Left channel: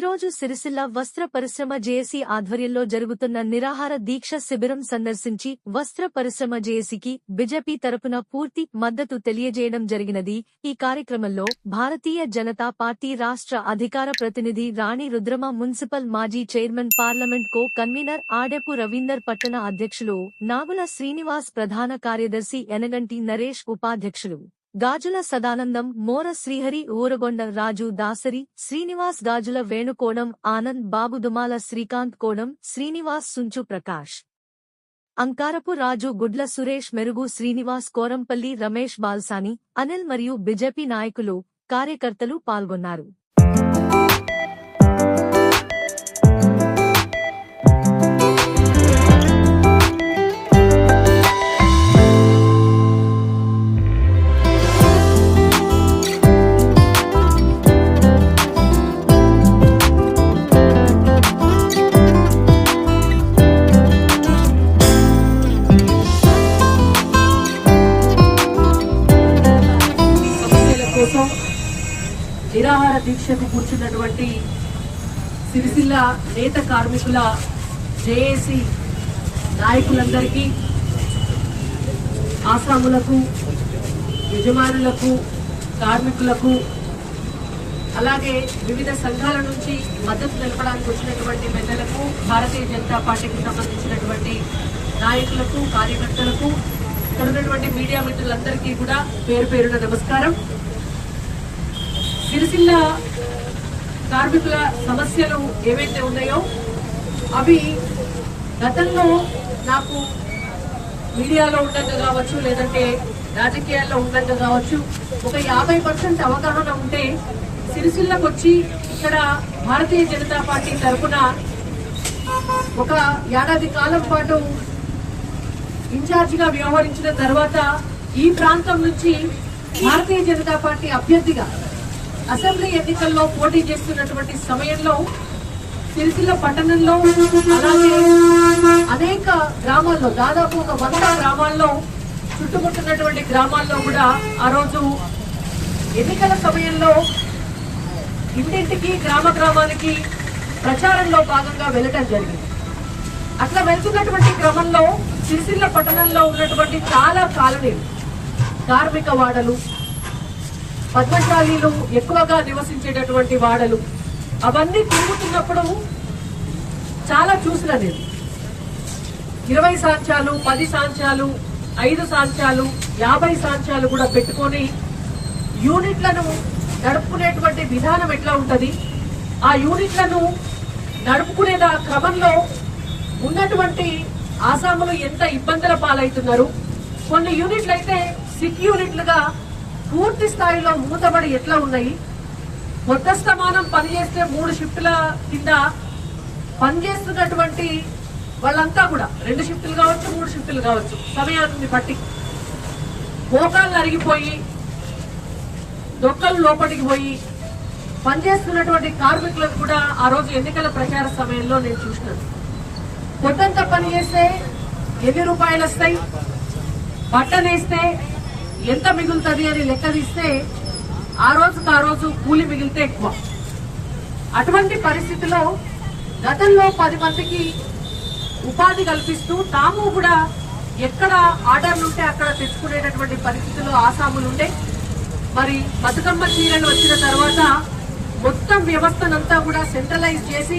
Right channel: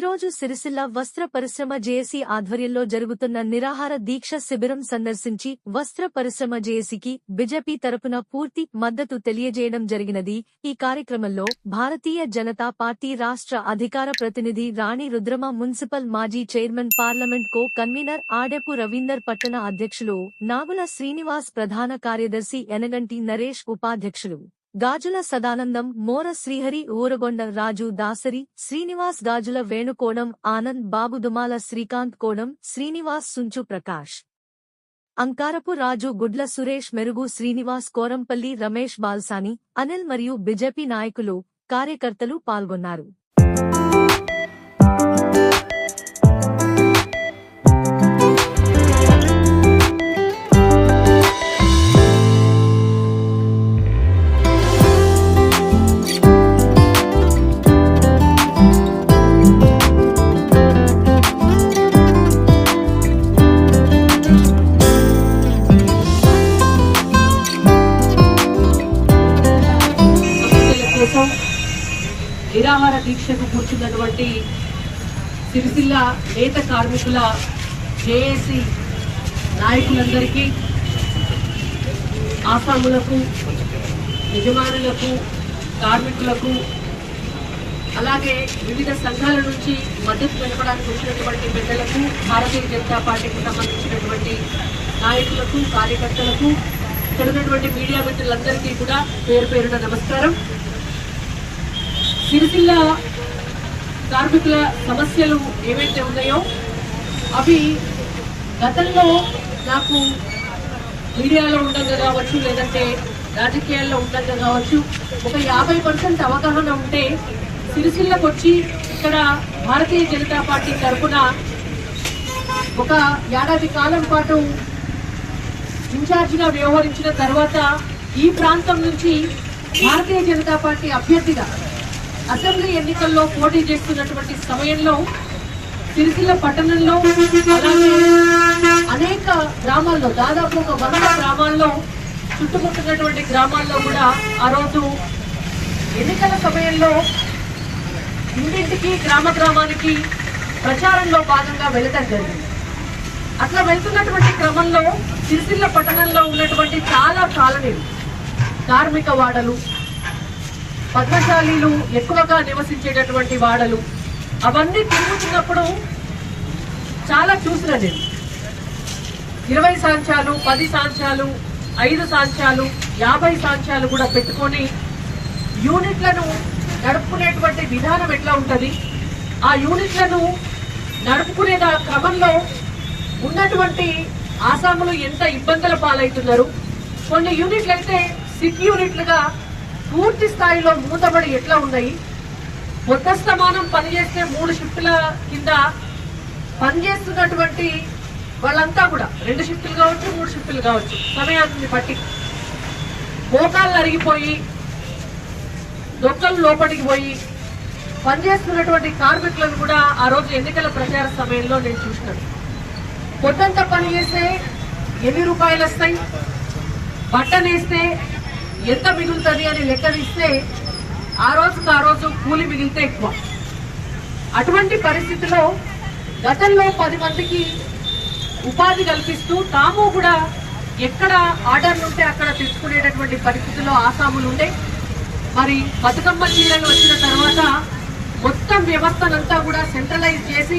రోజు సిరిసిల్ల వస్త్ర పరిశ్రమ జేఏసీ ఆధ్వర్యంలో జరుగుతున్న నిరాహార దీక్ష శిబిరం సందర్శించి వస్త్ర పరిశ్రమ జేఏసీకి బిజెపి తరపున పూర్తి మద్దతు తెలియజేయడం జరిగినది. ఈ కార్యక్రమంలో భారతీయ జనతా పార్టీ రాష్ట్ర అధికార ప్రతినిధి రాణి రుద్రమ మున్సిపల్ మాజీ chairman parliament co convener Adepu Ravinder పట్టణ అధ్యక్షులు నాగుల శ్రీనివాస్ ప్రధాన కార్యదర్శి ఎనగంటి నరేష్ ఉపాధ్యక్షులు. గాజుల సదానందం మోర శ్రీహరి ఊరగొండ రాజు దాసరి శ్రీనివాస్ గాజుల వేణుకోణం ఆనంద్ బాబు దుమాల శ్రీకాంత్ కోణం శ్రీనివాస్ సుంచు ప్రకాష్. అంకారపు రాజు గుడ్ల సురేష్ మెరుగు శ్రీనివాస్ కోరంపల్లి రమేష్ బాల్సాని అనిల్ మరియు బిజెపి నాయకులు కార్యకర్తలు పాల్గొన్నారు. కోసం నిరాహార దీక్షకు కూర్చున్నటువంటి సిరిసిల్ల నేత కార్మికుల జేఏసీ నాయకులందరికీ ఆసాములకు యజమానులకు కార్మికులకు అలాగే వివిధ సంఘాల నుంచి మద్దతు తెలపడానికి వచ్చినటువంటి పెద్దలకు భారతీయ జనతా పార్టీకి సంబంధించినటువంటి నాయకులకు కార్యకర్తలకు ఇక్కడ ఉన్నటువంటి మీడియా మిత్రులందరికీ కూడా పేరు పేరున నమస్కారం. సిరిసిల్ల కార్మికుల సమస్యలు ఏవైతే ఉన్నాయో అవి గతంలో నాకు మీడియాలో ఉండగా కావచ్చు లేదంటే రాజకీయాల్లో ఉండగా కావచ్చు ఒక యాభై పర్సెంట్ అవగాహన ఉంటే సిరిసిల్లకు వచ్చి ఇక్కడ భారతీయ జనతా పార్టీ తరఫున ఒక ఏడాది కాలం పాటు ఇన్ఛార్జిగా వ్యవహరించిన తర్వాత ఈ ప్రాంతం నుంచి భారతీయ జనతా పార్టీ అభ్యర్థిగా అసెంబ్లీ ఎన్నికల్లో పోటీ చేస్తున్నటువంటి సమయంలో సిరిసిల్ల పట్టణంలో అలాగే అనేక గ్రామాల్లో దాదాపు ఒక వంద గ్రామాల్లో చుట్టుముట్టున్నటువంటి గ్రామాల్లో కూడా ఆ రోజు ఎన్నికల సమయంలో ఇంటింటికి గ్రామ గ్రామానికి ప్రచారంలో భాగంగా వెళ్ళటం జరిగింది. అట్లా వెళ్తున్నటువంటి క్రమంలో సిరిసిల్ల పట్టణంలో ఉన్నటువంటి చాలా కాలనీలు కార్మిక వాడలు భద్రశాలీలు ఎక్కువగా నివసించేటటువంటి వాడలు. అవన్నీ తిరుగుతున్నప్పుడు చాలా చూసిన నేను. ఇరవై సాంచాలు పది సాంచాలు ఐదు సాంచాలు యాభై సాంచాలు కూడా పెట్టుకొని యూనిట్లను నడుపుకునేటువంటి విధానం ఎట్లా ఉంటుంది? ఆ యూనిట్లను నడుపుకునే క్రమంలో ఉన్నటువంటి ఆసాములు ఎంత ఇబ్బందుల పాలవుతున్నారు? కొన్ని యూనిట్లు అయితే సిక్ యూనిట్లుగా పూర్తి స్థాయిలో మూతబడి ఎట్లా ఉన్నాయి? మొత్తస్తమానం పనిచేస్తే మూడు షిఫ్టుల కింద పనిచేస్తున్నటువంటి వాళ్ళంతా కూడా రెండు షిఫ్టులు కావచ్చు మూడు షిఫ్టులు కావచ్చు సమయాన్ని బట్టి మోకాళ్ళు అరిగిపోయి దొక్కలు లోపలికి పోయి పనిచేస్తున్నటువంటి కార్మికులను కూడా ఆ రోజు ఎన్నికల ప్రచార సమయంలో నేను చూసినాను. పొద్దంతా పని చేస్తే ఎన్ని రూపాయలు వస్తాయి? బట్టనేస్తే ఎంత మిగులుతుంది అని లెక్క తీస్తే ఆ రోజుకు ఆ రోజు కూలి మిగిలితే ఎక్కువ. అటువంటి పరిస్థితిలో గతంలో పది మందికి ఉపాధి కల్పిస్తూ తాము కూడా ఎక్కడ ఆర్డర్లు ఉంటే అక్కడ తెచ్చుకునేటటువంటి పరిస్థితిలో ఆసాములు ఉండే. మరి బతుకమ్మ చీరలు వచ్చిన తర్వాత మొత్తం వ్యవస్థనంతా కూడా సెంట్రలైజ్ చేసి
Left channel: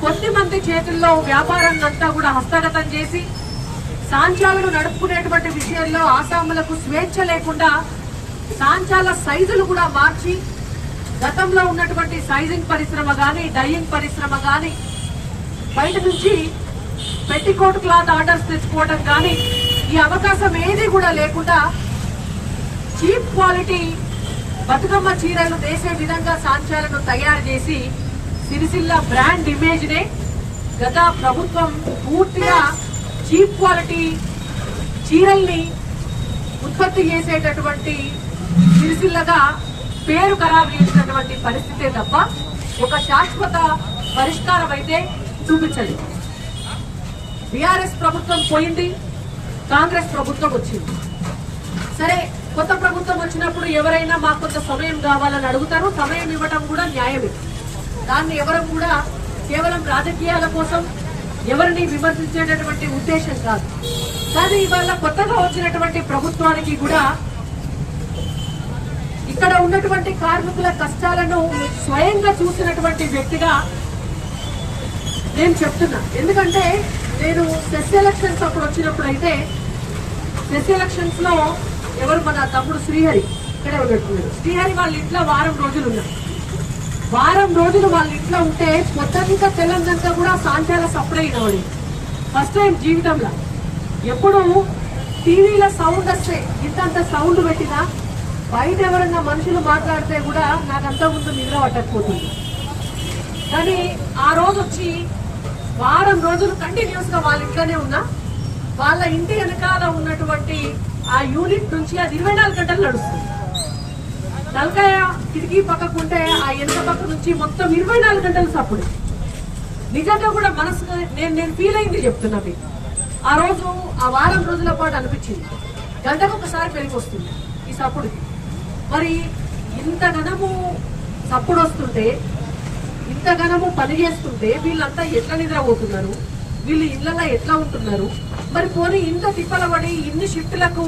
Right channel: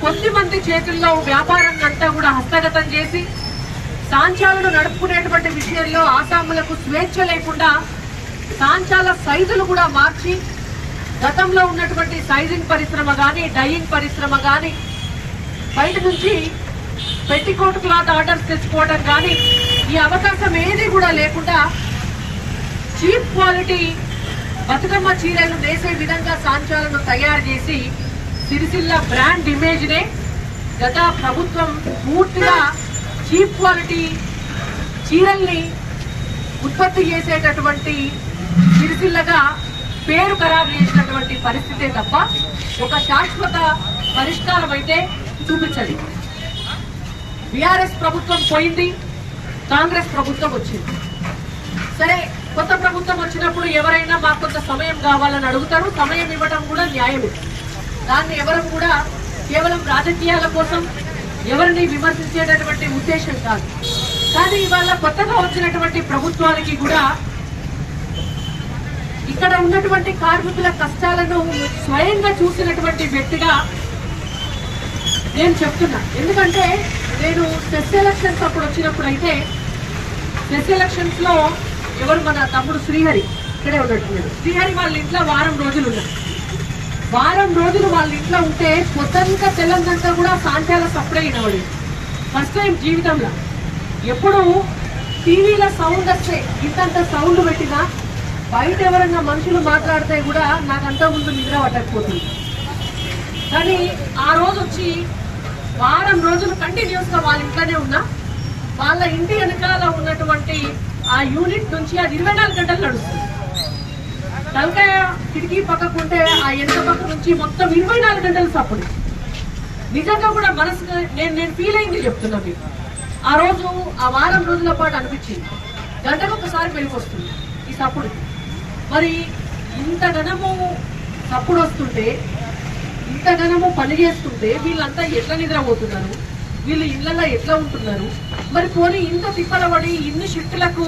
కొద్ది మంది చేతుల్లో వ్యాపారాన్ని అంతా కూడా హస్తగతం చేసి సాంచాలను నడుపుకునేటువంటి విషయంలో ఆసాములకు స్వేచ్ఛ లేకుండా సాంచాల సైజులు కూడా మార్చి గతంలో ఉన్నటువంటి సైజింగ్ పరిశ్రమ కానీ డైయింగ్ పరిశ్రమ కానీ బయట నుంచి పెట్టికోట్ క్లాత్ ఆర్డర్స్ తెచ్చుకోవడం కానీ ఈ అవకాశం ఏది కూడా లేకుండా చీప్ క్వాలిటీ బతుకమ్మ చీరలు వేసే విధంగా సాంచాలను తయారు చేసి సిరిసిల్ల బ్రాండ్ ఇమేజ్ నే గత ప్రభుత్వం పూర్తిగా చీప్ క్వాలిటీ చీరల్ని ఉత్పత్తి చేసేటటువంటి సిరిసిల్లగా పేరు ఖరారు చేసినటువంటి పరిస్థితే తప్ప ఒక శాశ్వత పరిష్కారం అయితే చూపించండి బీఆర్ఎస్ ప్రభుత్వం పోయింది కాంగ్రెస్ ప్రభుత్వం వచ్చింది. సరే కొత్త ప్రభుత్వం వచ్చినప్పుడు ఎవరైనా మాకు కొంత సమయం కావాలని అడుగుతారు సమయం ఇవ్వడం కూడా న్యాయమే. దాన్ని ఎవరు కూడా కేవలం రాజకీయాల కోసం ఎవరిని విమర్శించేటటువంటి ఉద్దేశం కాదు. కానీ ఇవాళ కొత్తగా వచ్చినటువంటి ప్రభుత్వానికి కూడా ఇక్కడ ఉన్నటువంటి కార్మికుల కష్టాలను స్వయంగా చూసినటువంటి వ్యక్తిగా నేను చెప్తున్నా. ఎందుకంటే నేను సెస్ ఎలక్షన్స్ అప్పుడు వచ్చినప్పుడు అయితే సెస్ ఎలక్షన్స్లో ఎవరు మన తమ్ముడు శ్రీహరి ఇక్కడే ఉన్నట్టున్నాడు. శ్రీహరి వాళ్ళ ఇంట్లో వారం రోజులు ఉన్నారు. వారం రోజులు వాళ్ళ ఇంట్లో ఉంటే పొద్దంతా తెల్లందంతా కూడా సాయంకాల సప్లై అయినవాడు ఫస్ట్ టైం జీవితంలో. ఎప్పుడు టీవీలో సౌండ్ వస్తే ఇంతంత సౌండ్ పెట్టినా బయట ఎవరన్నా మనుషులు మాట్లాడితే కూడా నాకంతా ముందు నిద్ర పట్టకపోతుంది. కానీ ఆ రోజు వచ్చి వారం రోజులు కంటిన్యూస్గా వాళ్ళ ఇంట్లోనే ఉన్నా. వాళ్ళ ఇంటి వెనకాల ఉన్నటువంటి ఆ యూనిట్ నుంచి అది ఇరవై నాలుగు గంటలు నడుస్తుంది. తలకాయ కిటికీ పక్కకుంటే ఆ ఎంత పక్క నుంచి మొత్తం ఇరవై నాలుగు గంటలు సప్పుడు. నిజంగా కూడా మనసు నేను నేను ఫీల్ అయింది చెప్తున్నా మీకు. ఆ రోజు ఆ వారం రోజుల పాటు అనిపించింది. గంటకు ఒకసారి పెళ్ళికి వస్తుంది ఈ సప్పుడు. మరి ఇంత ఘనము సప్పుడు వస్తుంటే ఇంత ఘనము పని చేస్తుంటే వీళ్ళంతా ఎట్లా నిద్రపోతున్నారు? వీళ్ళు ఇళ్ళల్లో ఎట్లా ఉంటున్నారు? మరి పోనీ ఇంత తిప్పలబడి ఇన్ని షిఫ్ట్లకు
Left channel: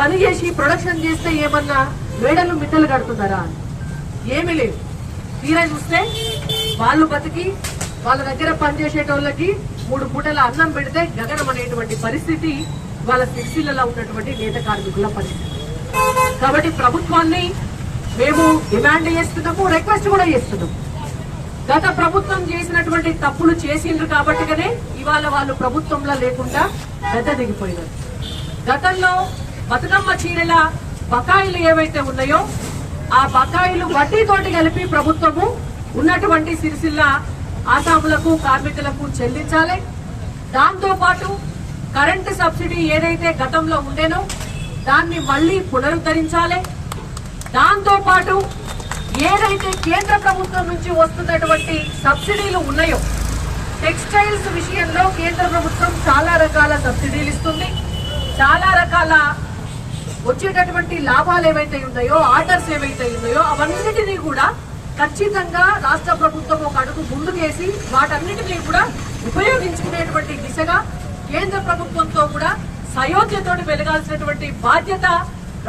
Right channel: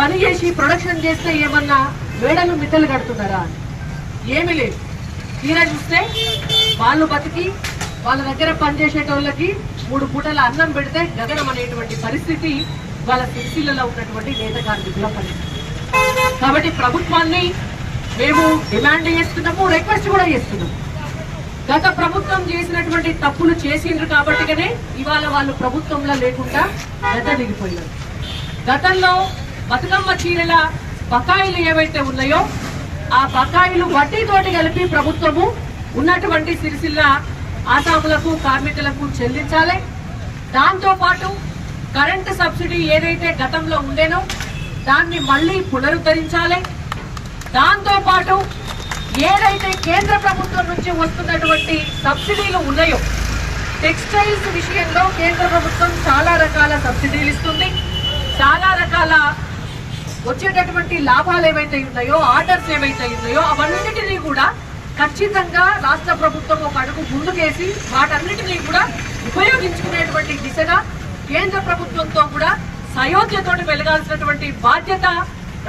పని చేసి ప్రొడక్షన్ చేస్తే ఏమన్నా మేడలు మిట్టలు కడుతున్నారా ఏమి లేదు. తీరా చూస్తే వాళ్ళు బతికి వాళ్ళ దగ్గర పనిచేసేటోళ్ళకి మూడు పూటల అన్నం పెడితే గగనం అనేటువంటి పరిస్థితి వాళ్ళ ఫిక్సీలలో ఉన్నటువంటి నేత కార్మికుల పరిస్థితి. కాబట్టి ప్రభుత్వాన్ని మేము డిమాండ్ చేస్తున్నాము రిక్వెస్ట్ కూడా చేస్తున్నాము. గత ప్రభుత్వం చేసినటువంటి తప్పులు చేసిండ్రు కాబట్టిగానే ఇవాళ వాళ్ళు ప్రభుత్వంలో లేకుండా గత దిగిపోయినారు. గతంలో బతుకమ్మ చీరల బకాయిలు ఏవైతే ఉన్నాయో ఆ బకాయిలు వడ్డీతోటి కలిపి ప్రభుత్వము ఉన్నటువంటి సిరిసిల్ల ఆసాములకు కార్మికులకు చెల్లించాలి. దాంతోపాటు కరెంటు సబ్సిడీ ఏదైతే గతంలో ఉండేనో దాన్ని మళ్ళీ పునరుద్ధరించాలి. దాంతోపాటు ఏదైతే కేంద్ర ప్రభుత్వం నుంచి వస్తున్నటువంటి సబ్సిడీలు ఉన్నాయో టెక్స్టైల్స్ విషయంలో కేంద్ర ప్రభుత్వం చాలా రకాల సబ్సిడీలు ఇస్తుంది. చాలా రకాల వచ్చేటటువంటి లాభాలు ఏవైతే ఉన్నాయో ఆర్డర్స్ ఏవైతే ఉన్నాయో అవన్నిటినీ కూడా ఖచ్చితంగా రాష్ట్ర ప్రభుత్వం ఒక అడుగు ముందుకేసి వాటన్నిటినీ కూడా ఉపయోగించుకునేటువంటి దిశగా కేంద్ర ప్రభుత్వంతో కూడా సయోధ్యతోటి వెలగాల్సినటువంటి బాధ్యత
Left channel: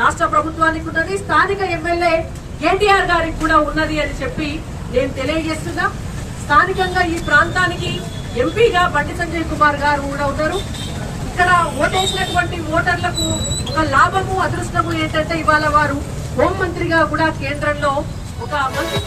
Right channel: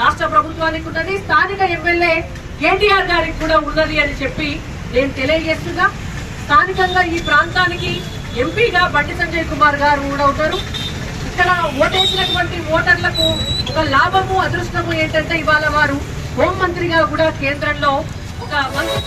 రాష్ట్ర ప్రభుత్వానికి ఉన్నది. స్థానిక ఎమ్మెల్యే కేటీఆర్ గారికి కూడా ఉన్నది అని చెప్పి నేను తెలియజేస్తున్నా. స్థానికంగా ఈ ప్రాంతానికి ఎంపీగా బండి సంజయ్ కుమార్ గారు కూడా ఉన్నారు. ఇక్కడ ఓటేసినటువంటి ఓటర్లకు ఒక లాభము అదృష్టము ఏంటంటే ఇవాళ వారు హోం మంత్రిగా కూడా కేంద్రంలో ఒక మంత్రి